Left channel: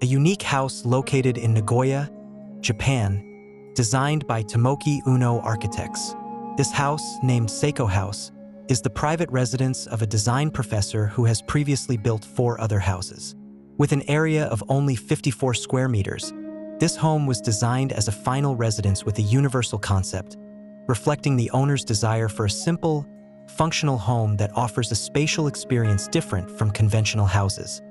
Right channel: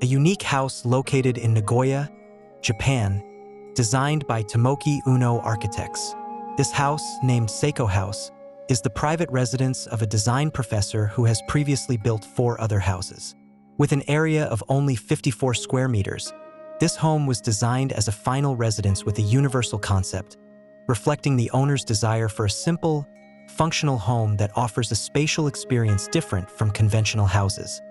a unique house located in Nagoya, Japan, designed by Tomoaki Uno Architects. This house, named Sako House, is the private residence of a design professor who has previously built 4 other houses. With an area of only 54 square meters, this home was designed as a final residence with a universal concept, reflecting the owner's desire for a simple, functional home that offers a spatial experience different from conventional houses.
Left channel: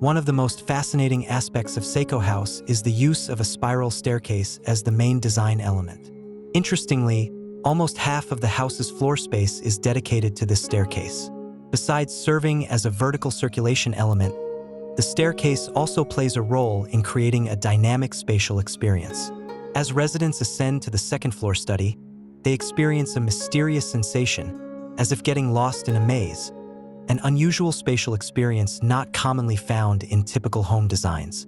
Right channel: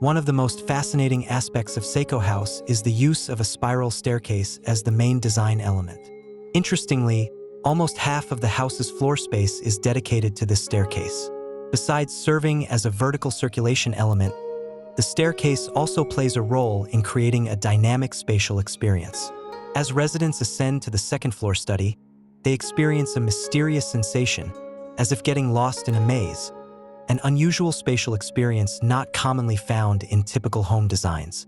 One of the most fascinating aspects of Sako House is the use of a spiral staircase as the main design element. Interestingly, almost half of the house's floor space is dedicated to this staircase. Besides serving as a vertical circulation element, the staircase also plays a role in creating a dynamic spatial experience. As residents ascend to the second-floor study, they experience a mysterious sensation, as if getting lost in a maze, an unusual spatial experience not commonly found in typical home designs.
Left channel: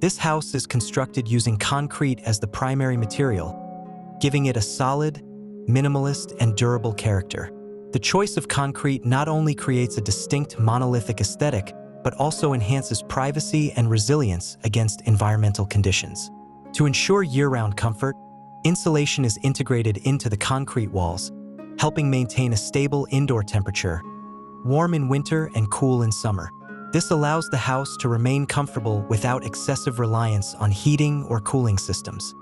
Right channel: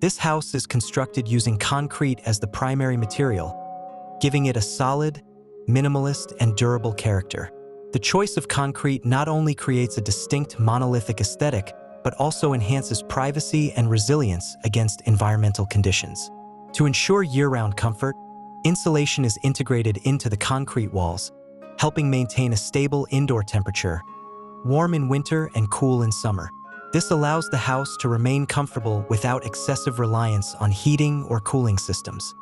This house is constructed using concrete as the primary material, giving it a solid, minimalist, and durable character. The choice of concrete not only creates a distinct monolithic aesthetic, but also enhances privacy and resilience against environmental conditions. To ensure year-round comfort, insulation is integrated into the concrete walls, helping maintain a stable indoor temperature, warm in winter and cool in summer. This allows the house to remain comfortable without excessive reliance on heating or cooling systems.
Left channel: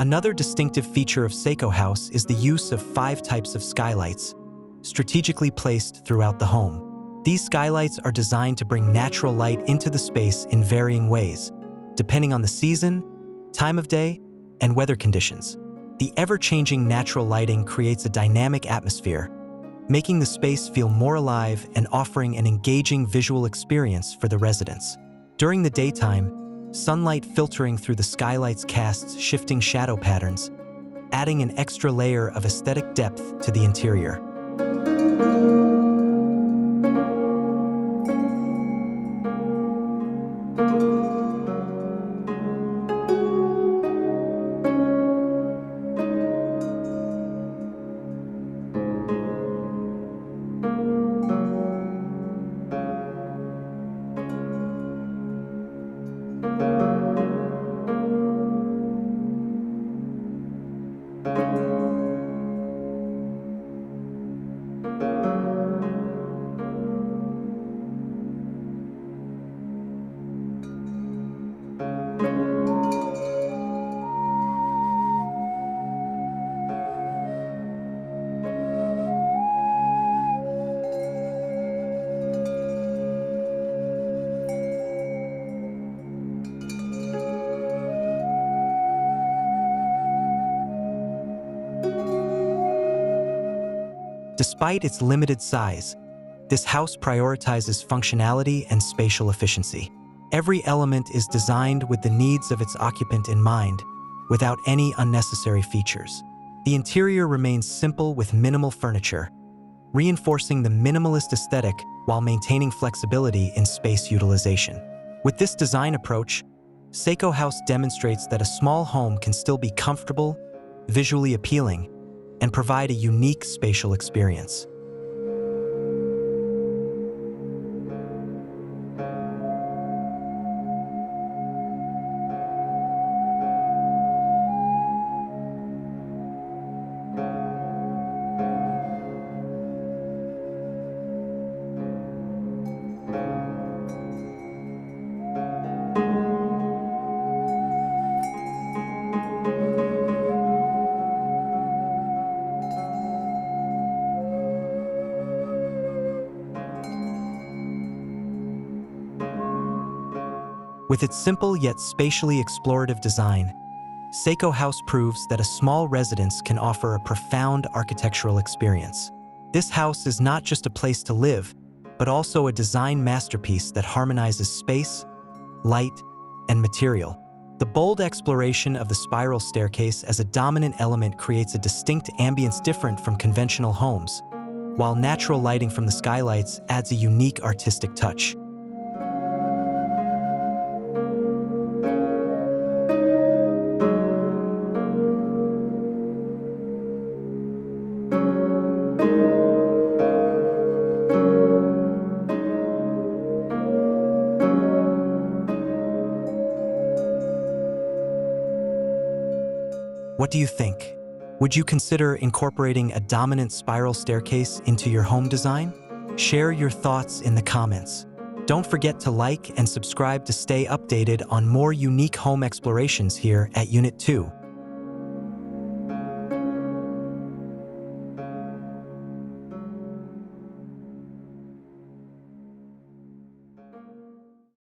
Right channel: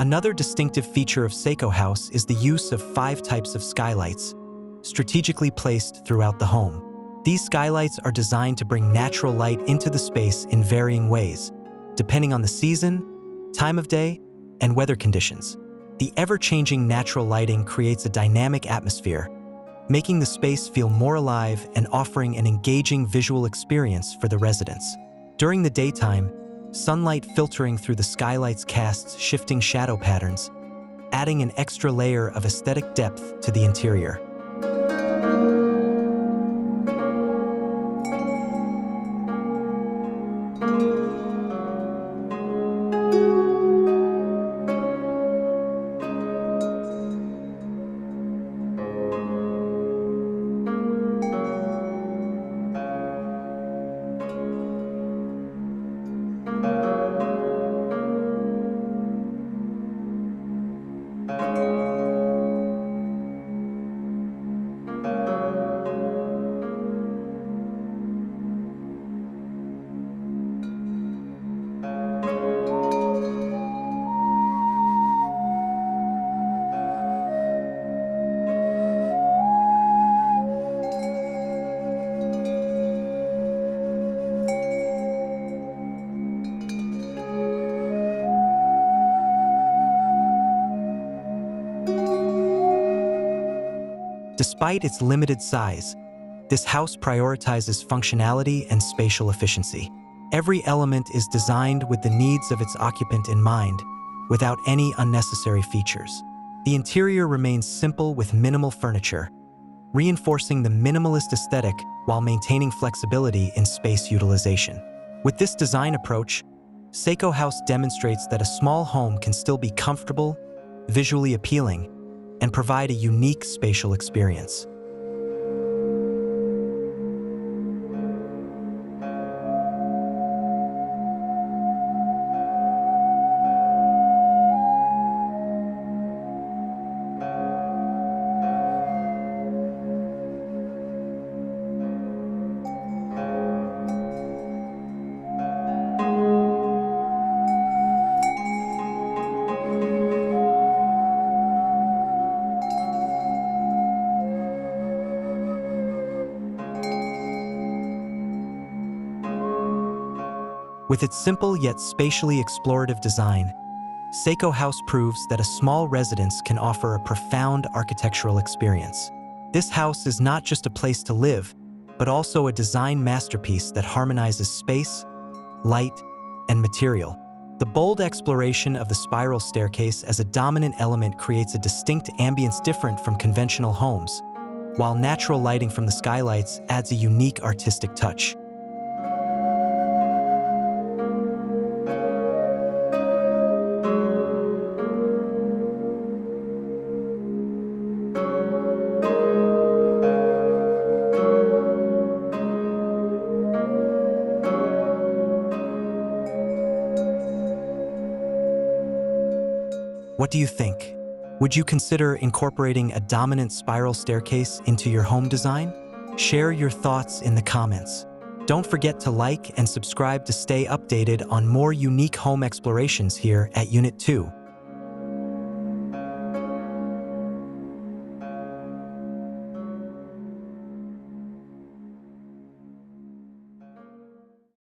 Another distinctive feature of Sako House is the use of 5 types of skylights, strategically placed throughout the home. These skylights are designed to bring natural light into the space in varying ways, depending on the season, time of day, and weather conditions. The ever-changing natural lighting creates a dynamic atmosphere, making the space feel more alive and offering an engaging visual experience for the residents. During the daytime, sunlight filtering through the skylights casts shifting shadow patterns, adding an extra layer of aesthetic depth to the interior. Despite its limited size, this house prioritizes functionality and spatial efficiency. Every element is designed with the needs of its occupant in mind, without any unnecessary features. The interior remains simple with minimal furniture, reinforcing the minimalist aesthetic while maintaining flexibility in space utilization. With this design approach, Sako House demonstrates that a small home can still be comfortable, visually appealing, and provide a unique spatial experience. With its simple yet spatially explorative design, Sako House proves that a small residence can offer a profound architectural experience. This house is not just a place to live, but also a design masterpiece that harmonizes space, light, and material. The bold exploration of the spiral staircase as a dominant element creates a distinct ambience different from conventional homes, while natural lighting from the skylights adds a unique artistic touch. What do you think? Would you consider incorporating a dominant spiral staircase into your home design? Share your thoughts in the comments. Don't forget to like and subscribe to stay updated on more unique home explorations here at Unit 2.